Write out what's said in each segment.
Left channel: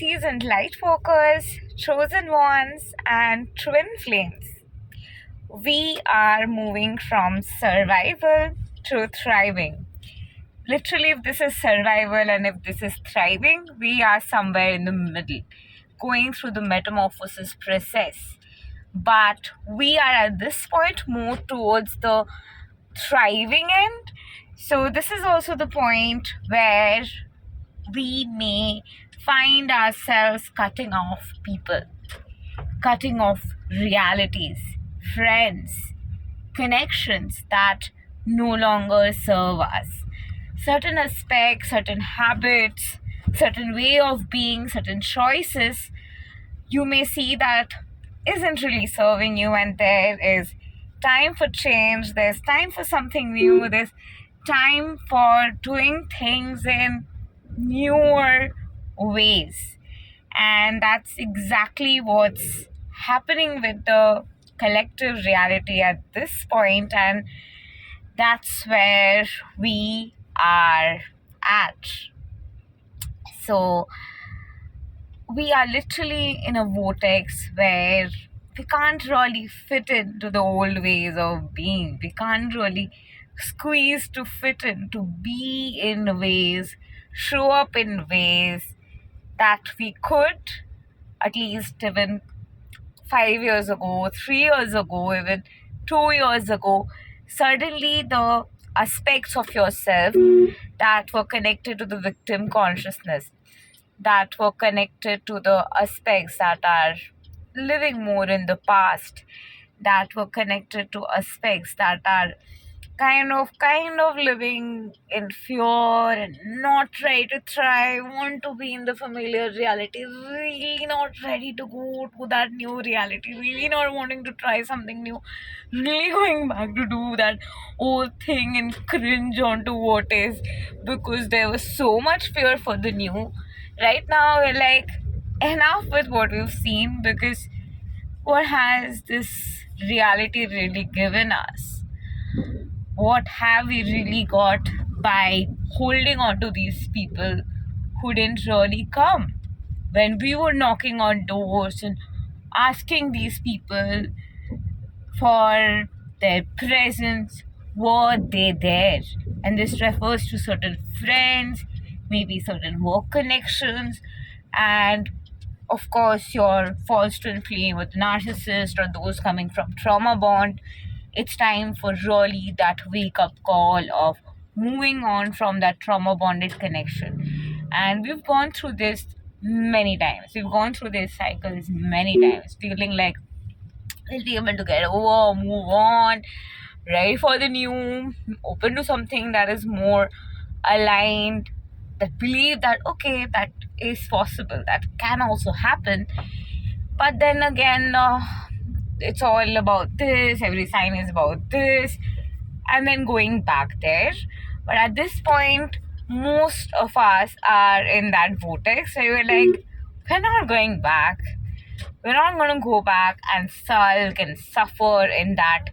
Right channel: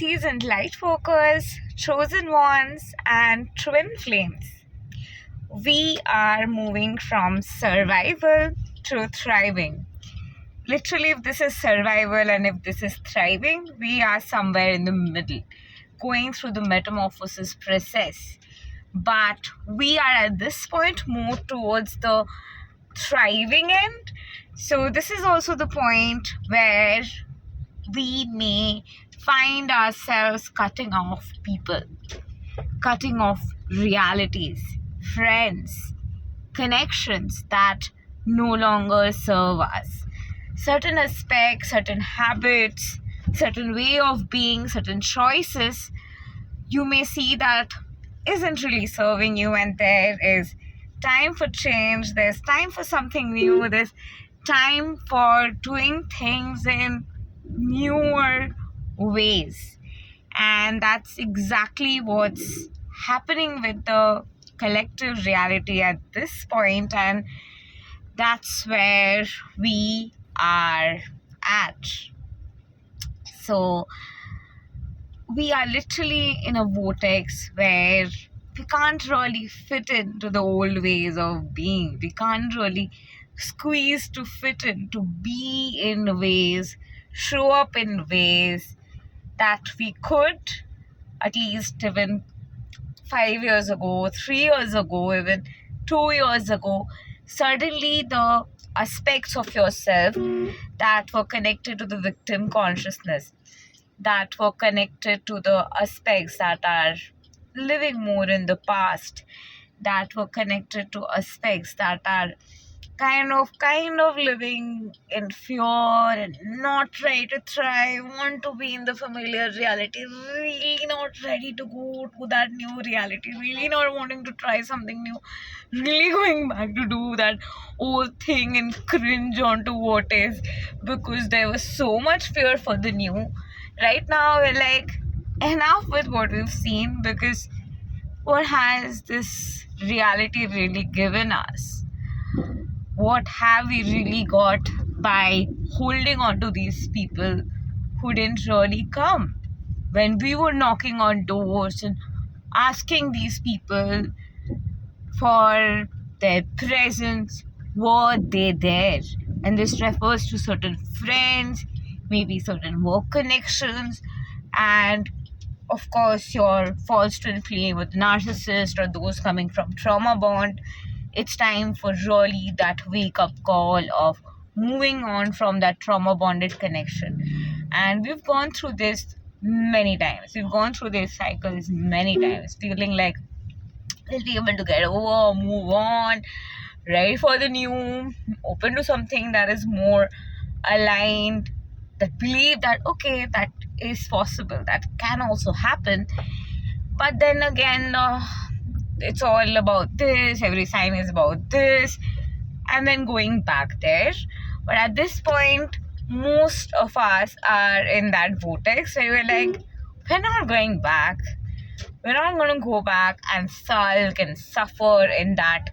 seasoned lightworkers, chosen ones, and twin flames. We are moving from survival to thriving. Literally, if this is survival and if this is thriving, we are somewhere in the middle, going through the metamorphosis process. But we are at this point more towards the thriving end. So, this is also the point where we may find ourselves cutting off people, cutting off realities, friends, connections that no longer serve us. Certain aspects, certain habits, certain way of being, certain choices, you may see that isn't really serving you, and there is time for change, there's time for something new, there's time for doing things in newer ways. And that's exactly what's happening with the collective reality at this point, and that's where we are at. So we are literally in a vortex where we can't really fit into the old ways of being. We can't really squeeze to fit in, to be in ways, show up in ways that we could at least even 5 years ago, 3 years ago, even 2 years ago. Suddenly, the aspects of yourself that were connected to the victim consciousness, that were connected to the aspects that are living more in the past, that were connected to aspects that are kind of living in fear and not ready to try, want to be in the familiar reality, really not ready to go to that new reality, really not wanting to try something new, really going back to do that old thing and cringe onto what is, because there was so much fear for the new. Right now we're like, enough with what we've seen, because what has this reality really given us? What have we really got by holding on to these people who didn't really come? When we were knocking on doors and asking these people for their presence, were they there? And this refers to certain friends, maybe certain work connections, and of course your false twin flame with narcissist or those coming from trauma bond. It's time for really that wake up call of moving on from that trauma bonded connection. And we've gone through this many times. We've gone through these cycles many times, feeling like we'll be able to get over, move on, ready for the new, open to something that is more aligned, that believe that okay, that is possible, that can also happen. But then again, it's all about this, every sign is about this, and then going back there. But at this point, most of us are in that vortex where we're like, we're not going back. We're not going to go back and sulk and suffer in that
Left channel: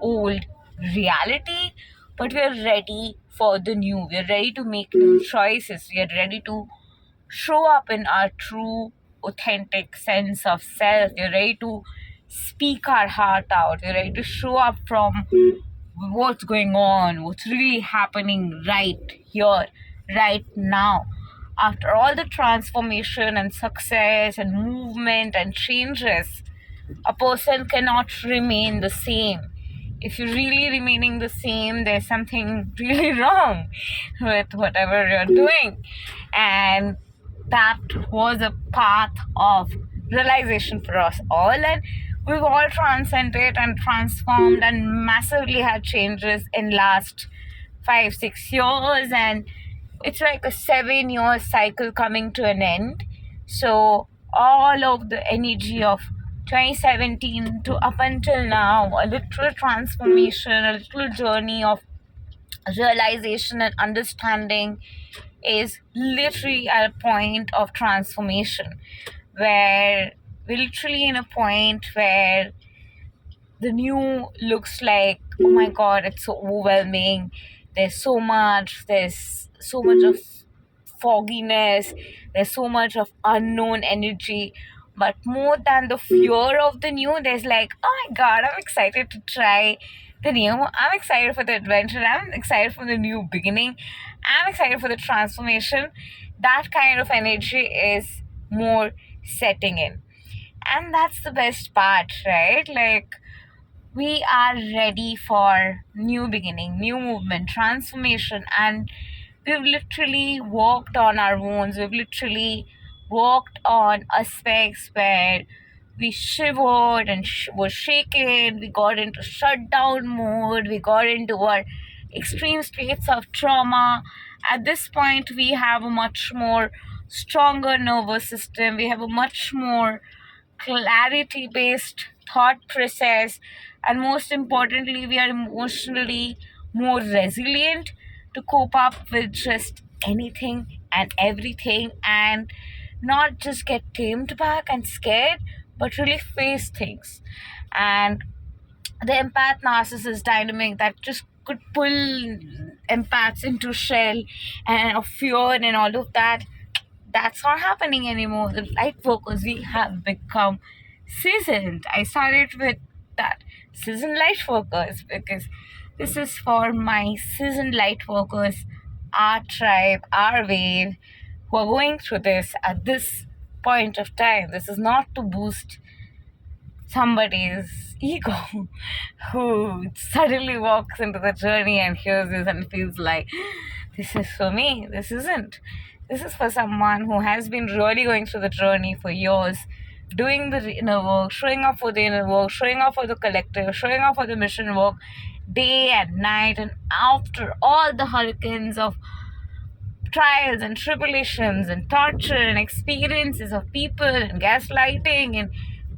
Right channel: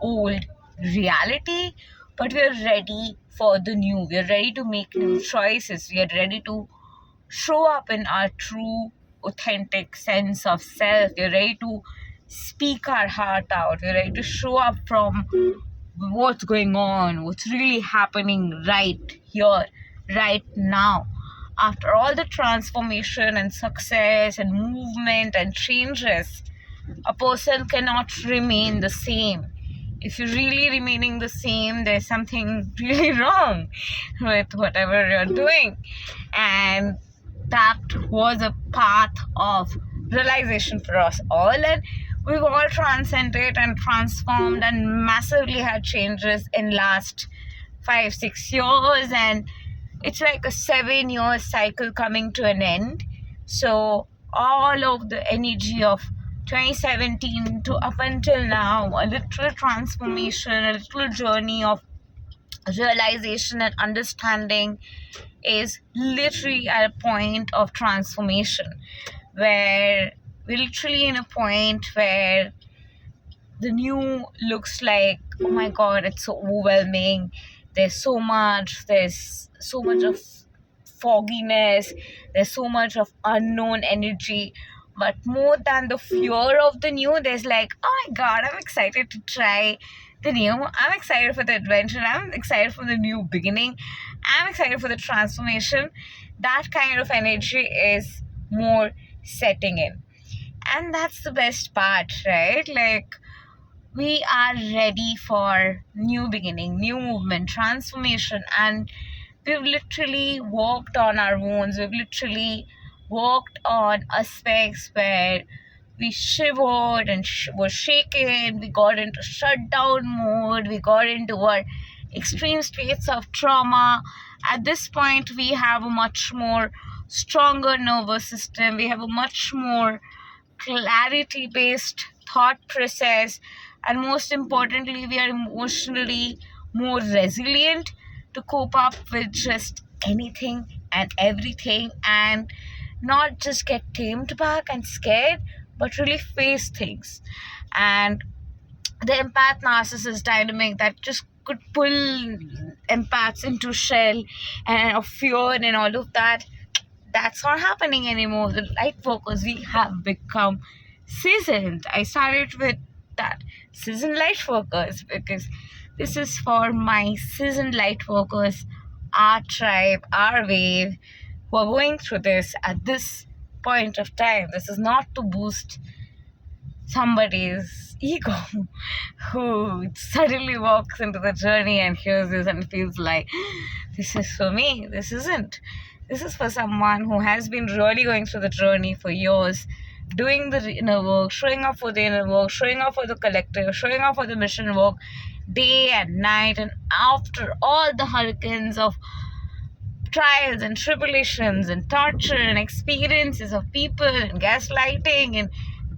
old reality, but we're ready for the new. We're ready to make new choices. We are ready to show up in our true, authentic sense of self. We're ready to speak our heart out. We're ready to show up from what's going on, what's really happening right here, right now. After all the transformation and success and movement and changes, a person cannot remain the same. If you're really remaining the same, there's something really wrong with whatever you're doing. And that was a path of realization for us all, and we've all transcended and transformed and massively had changes in last 5-6 years, and it's like a 7-year cycle coming to an end. So all of the energy of 2017 to up until now, a little transformation, a little journey of realization and understanding is literally at a point of transformation, where we're literally in a point where the new looks like, oh my god, it's so overwhelming. There's so much of fogginess, there's so much of unknown energy. But more than the fear of the new, there's like, oh my god, I'm excited to try the new. I'm excited for the adventure. I'm excited for the new beginning. I'm excited for the transformation. That kind of energy is more setting in. And that's the best part, right? Like, we are ready for new beginning, new movement, transformation, and we've literally walked on our wounds. We've literally walked on aspects where we shivered and were shaken. We got into shutdown mode. We got into our extreme states of trauma. At this point, we have a much more stronger nervous system. We have a much more clarity based thought process, and most importantly, we are emotionally more resilient to cope up with just anything and everything, and not just get tamed back and scared, but really face things. And the empath narcissist dynamic that just could pull empaths into shell and of fear and all of that, that's not happening anymore. The light workers, we have become seasoned. I started with that, seasoned light workers, because this is for my seasoned light workers, our tribe, our wave, who are going through this at this point of time. This is not to boost somebody's ego who suddenly walks into the journey and hears this and feels like, this is for me. This isn't. This is for someone who has been really going through the journey for years, doing the inner work, showing up for the inner work, showing up for the collective, showing up for the mission work day and night. And after all the hurricanes of trials and tribulations and torture and experiences of people and gaslighting and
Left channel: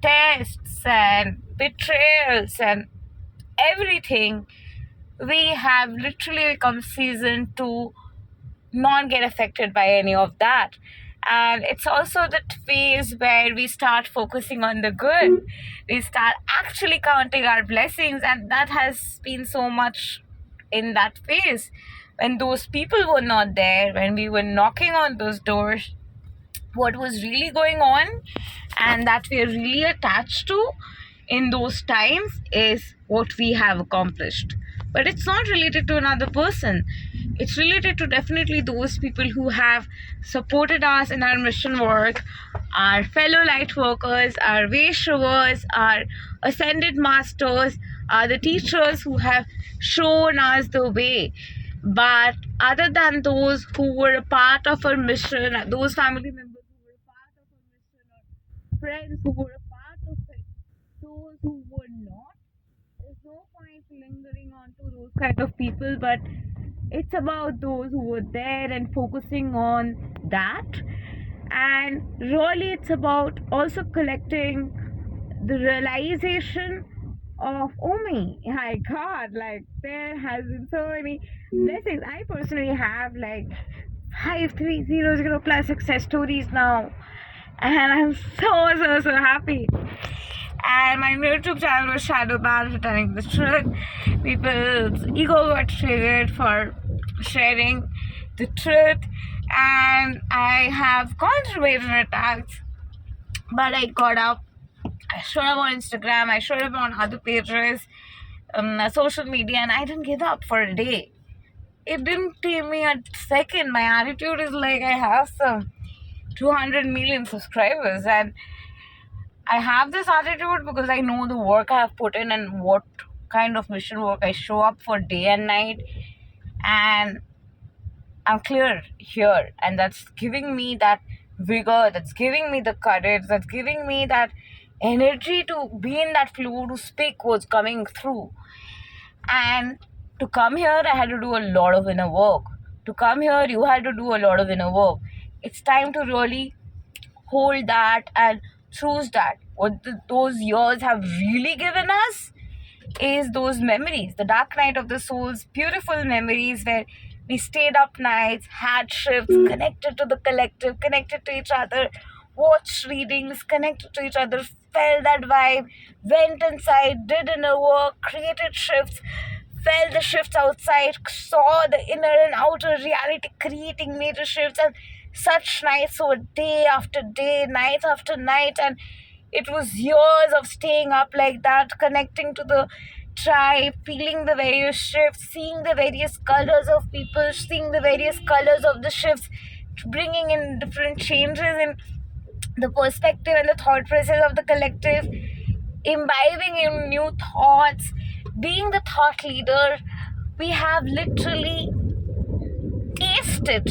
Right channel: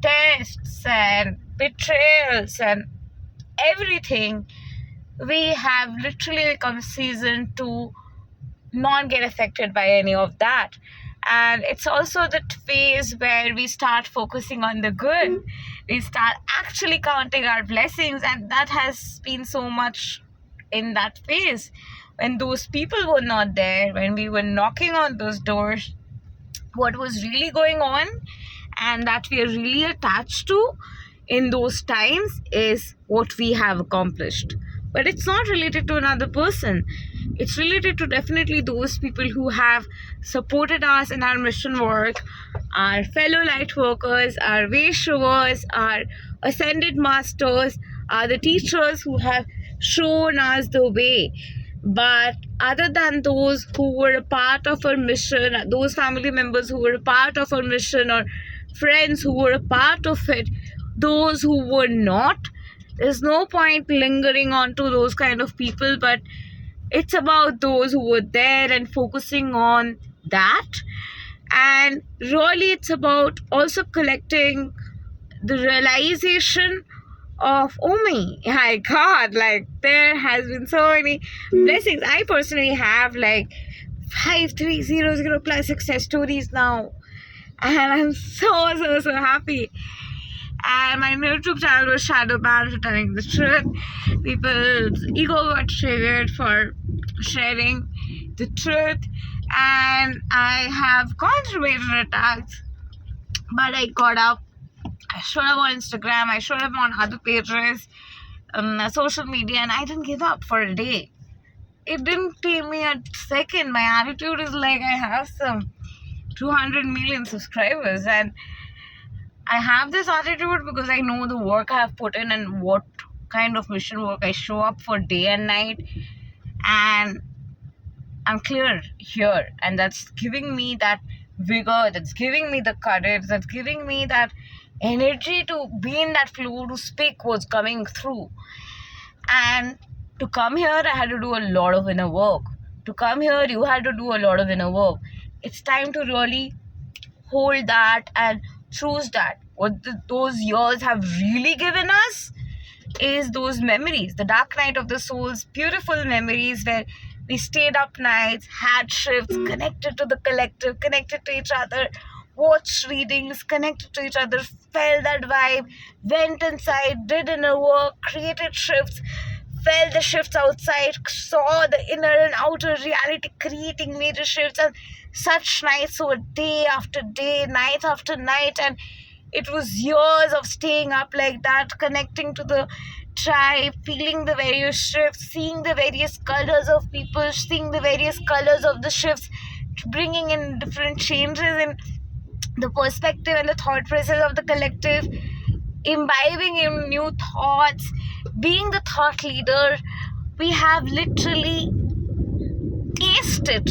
tests and betrayals and everything, we have literally become seasoned to not get affected by any of that. And it's also the phase where we start focusing on the good. We start actually counting our blessings, and that has been so much in that phase when those people were not there, when we were knocking on those doors. What was really going on and that we are really attached to in those times is what we have accomplished. But it's not related to another person. It's related to definitely those people who have supported us in our mission work, our fellow light workers, our way showers, our ascended masters, are the teachers who have shown us the way. But other than those who were a part of our mission, those family members who were a part of our mission, or friends who were a part of it, those who were not, there's no point lingering on to those kind of people. But it's about those who were there and focusing on that. And really, it's about also collecting the realization of, oh my god, like there has been so many blessings. I personally have like 5300 plus success stories now, and I'm so happy. And my YouTube channel was shadow banned for telling the truth. People's ego got triggered for sharing the truth, and I have gone through major attacks, but I got up. I showed up on Instagram, I showed up on other pages, social media, and I didn't give up for a day. It didn't take me a second. My attitude is like, I have some 200 million subscribers, and I have this attitude because I know the work I have put in and what kind of mission work I show up for day and night, and I'm clear here, and that's giving me that vigor, that's giving me the courage, that's giving me that energy to be in that flow, to speak what's coming through. And to come here, I had to do a lot of inner work. To come here, you had to do a lot of inner work. It's time to really hold that and choose that. What those years have really given us is those memories, the dark night of the soul's beautiful memories, where we stayed up nights, had shifts, connected to the collective, connected to each other, watched readings, connected to each other, felt that vibe, went inside, did inner work, created shifts, felt the shifts outside, saw the inner and outer reality creating major shifts, and such nights were day after day, night after night, and it was years of staying up like that, connecting to the tribe, feeling the various shifts, seeing the various colors of people, seeing the various colors of the shifts, bringing in different changes in the perspective and the thought process of the collective, imbibing in new thoughts, being the thought leader. We have literally tasted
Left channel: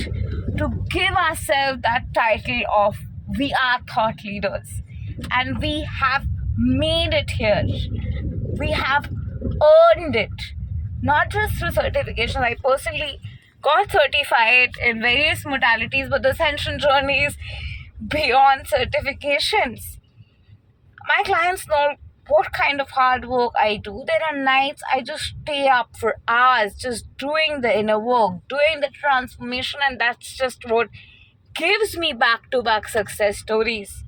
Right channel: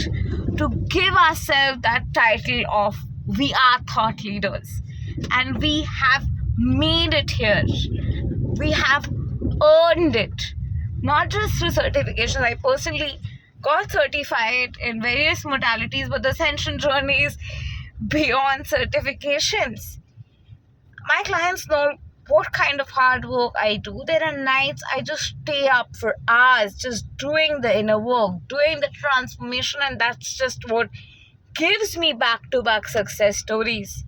to give ourselves that title of we are thought leaders, and we have made it here. We have earned it, not just through certification. I personally got certified in various modalities, but the ascension journey is beyond certifications. My clients know what kind of hard work I do. There are nights I just stay up for hours just doing the inner work, doing the transformation, and that's just what gives me back-to-back success stories.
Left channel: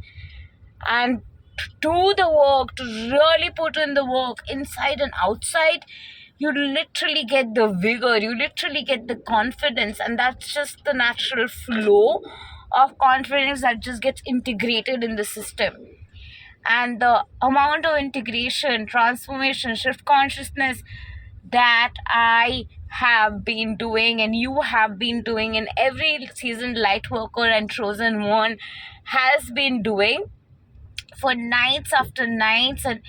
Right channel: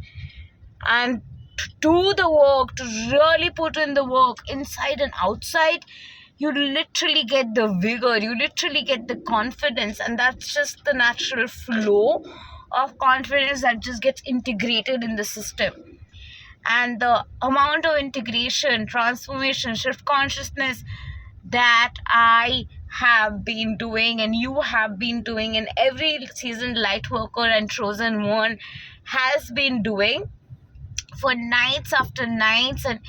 And to do the work, to really put in the work inside and outside, you literally get the vigor, you literally get the confidence, and that's just the natural flow of confidence that just gets integrated in the system. And the amount of integration, transformation, shift consciousness that I have been doing and you have been doing, and every seasoned light worker and chosen one has been doing for nights after nights, and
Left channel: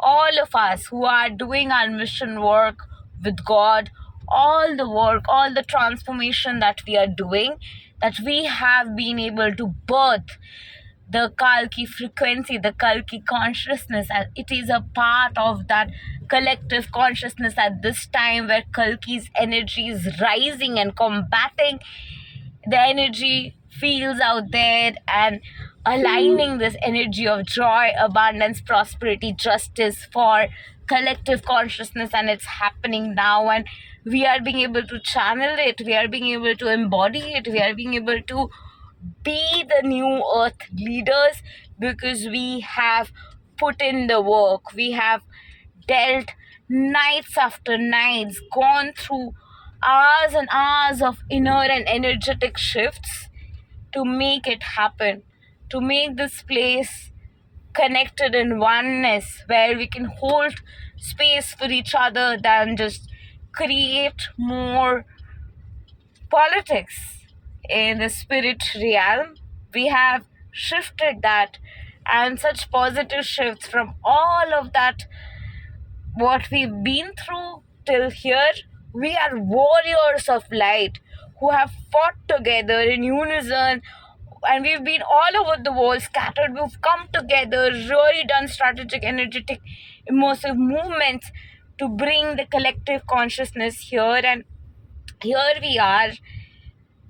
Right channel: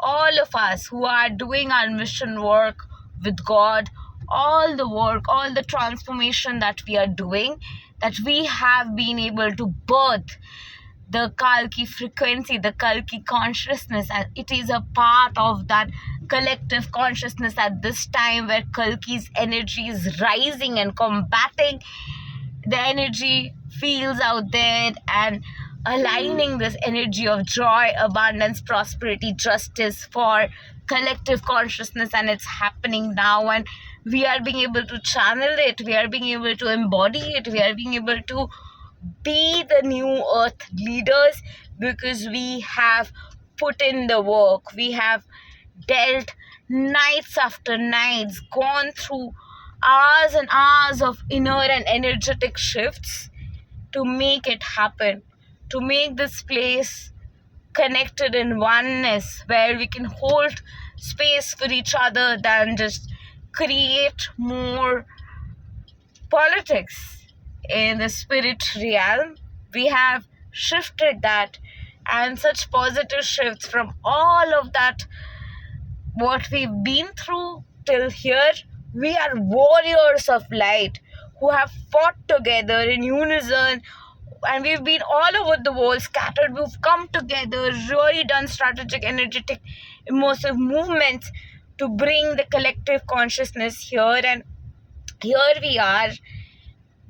all of us who are doing our mission work with God, all the work, all the transformation that we are doing, that we have been able to birth the Kalki frequency, the Kalki consciousness, and it is a part of that collective consciousness at this time where Kalki's energy is rising and combating the energy fields out there and aligning this energy of joy, abundance, prosperity, justice for collective consciousness, and it's happening now, and we are being able to channel it, we are being able to embody it, we are being able to be the new earth leaders because we have put in the work. We have dealt nights after nights, gone through hours and hours of inner and energetic shifts to make it happen, to make this place connected in oneness where we can hold space for each other than just create more politics in the spirit realm. We have shifted that, and such positive shifts from all of that what we've been through till here. We are warriors of light who have fought together in unison, and we've been all over the world scattered. We've come together, really done strategic, energetic, immersive movements to bring the collective consciousness here, and here we are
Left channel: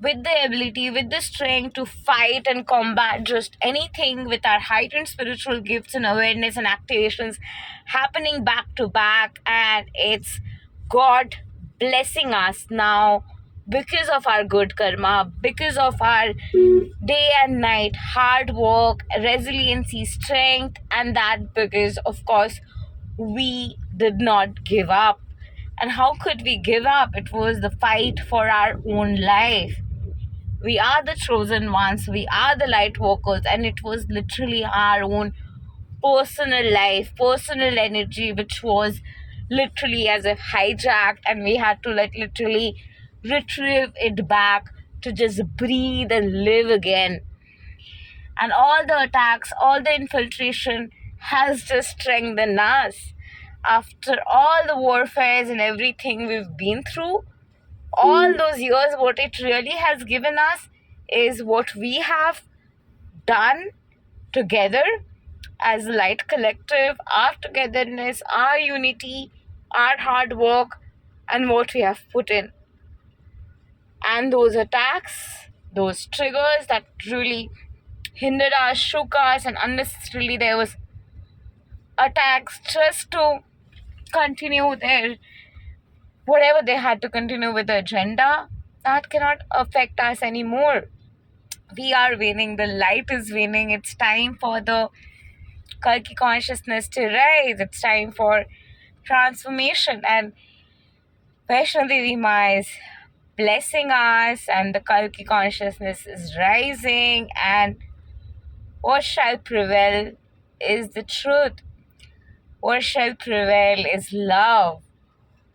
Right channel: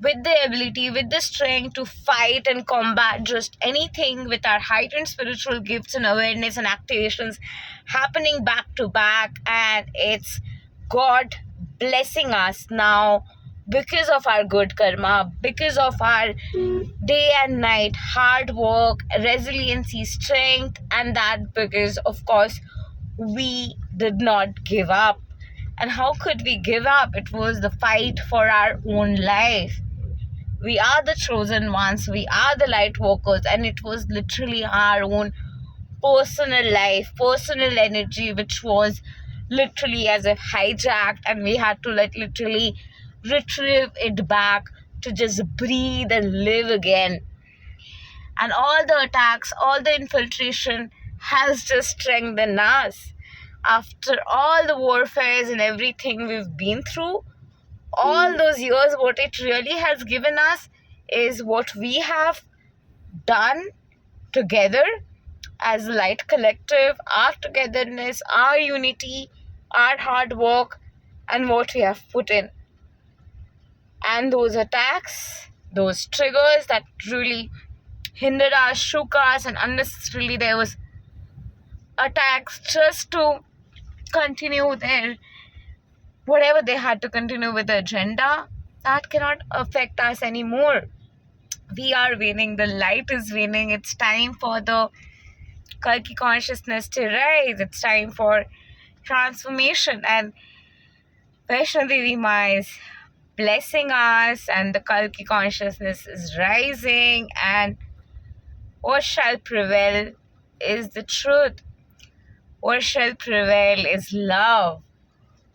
with the ability, with the strength to fight and combat just anything, with our heightened spiritual gifts and awareness and activations happening back to back. And it's God blessing us now because of our good karma, because of our day and night hard work, resiliency, strength, and that because, of course, we did not give up. And how could we give up? It was the fight for our own life. We are the chosen ones, we are the light workers, and it was literally our own personal life, personal energy, which was literally as if hijacked, and we had to literally retrieve it back to just breathe and live again. And all the attacks, all the infiltration has just strengthened us. After all the warfares and everything we've been through, all those years, what it really has given us is what we have done together as a light collective, our togetherness, our unity, our hard work, and what we have put in. And those attacks, those triggers that really hindered us, shook us, and unnecessarily there was attacks just to continue their whatever they had to continue with the agenda, that cannot affect us anymore. We are winning, the light is winning. It's time for the Kalki consciousness to rise. It's time for transformation. And Vaishnadevi Ma is blessing us, and the Kalki consciousness is rising, and what shall prevail is the truth. What shall prevail is love.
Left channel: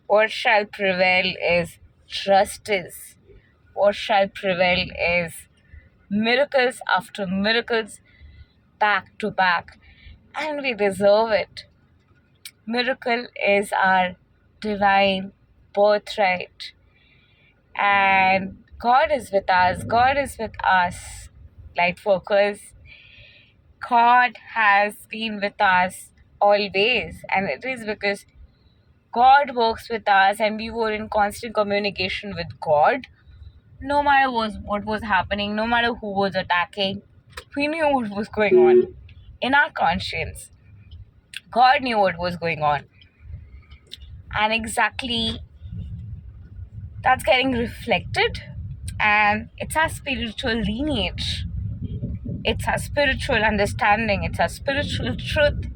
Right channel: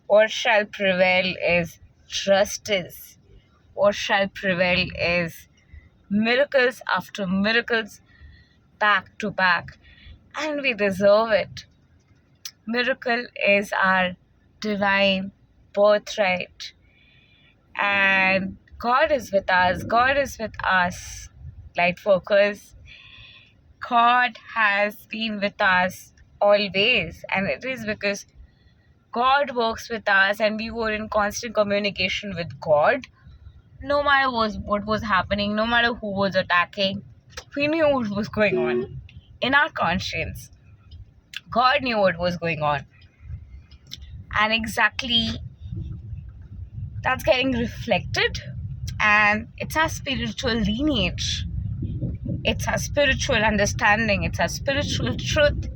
What shall prevail is justice. What shall prevail is miracles after miracles, back to back. And we deserve it. Miracle is our divine birthright. And God is with us. God is with us, light workers. God has been with us always. And it is because God works with us and we were in constant communication with God. No matter what was happening, no matter who was attacking, we knew what was going on in our conscience. God knew what was going on. And exactly that's getting reflected. And it's our spiritual lineage. It's our spiritual understanding. It's our spiritual truth.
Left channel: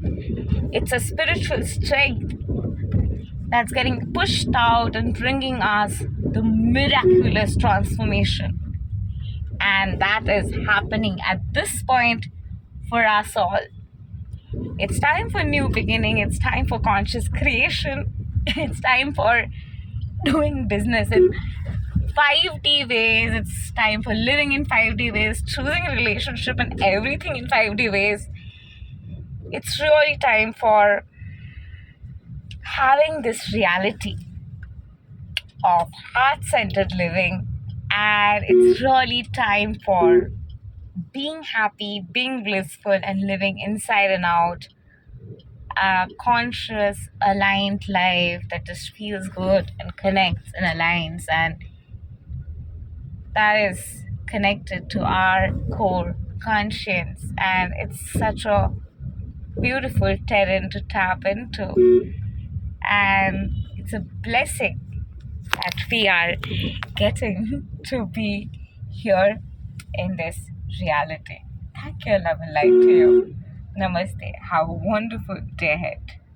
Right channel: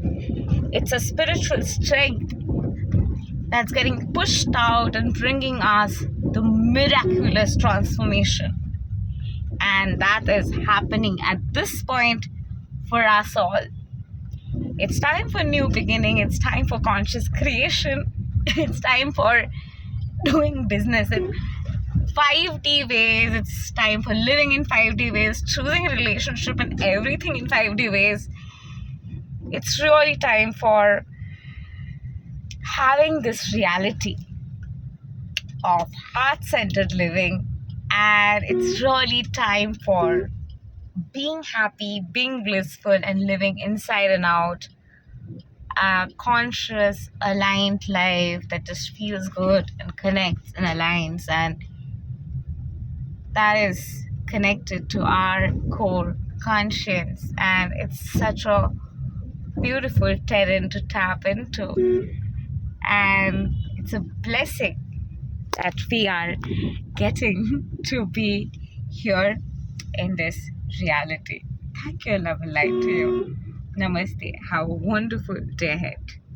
It's a spiritual strength that's getting pushed out and bringing us the miraculous transformation. And that is happening at this point for us all. It's time for new beginning. It's time for conscious creation. It's time for doing business in 5D ways. It's time for living in 5D ways, choosing a relationship and everything in 5D ways. It's really time for having this reality of heart-centered living, and it's really time for being happy, being blissful, and living inside and out a conscious, aligned life that just feels good and connects and aligns, and that is connected to our core conscience. And it's such a beautiful terrain to tap into, and it's a blessing that we are getting to be here in this reality. Thank you, love and light to you. Namaste. Have a wonderful day ahead.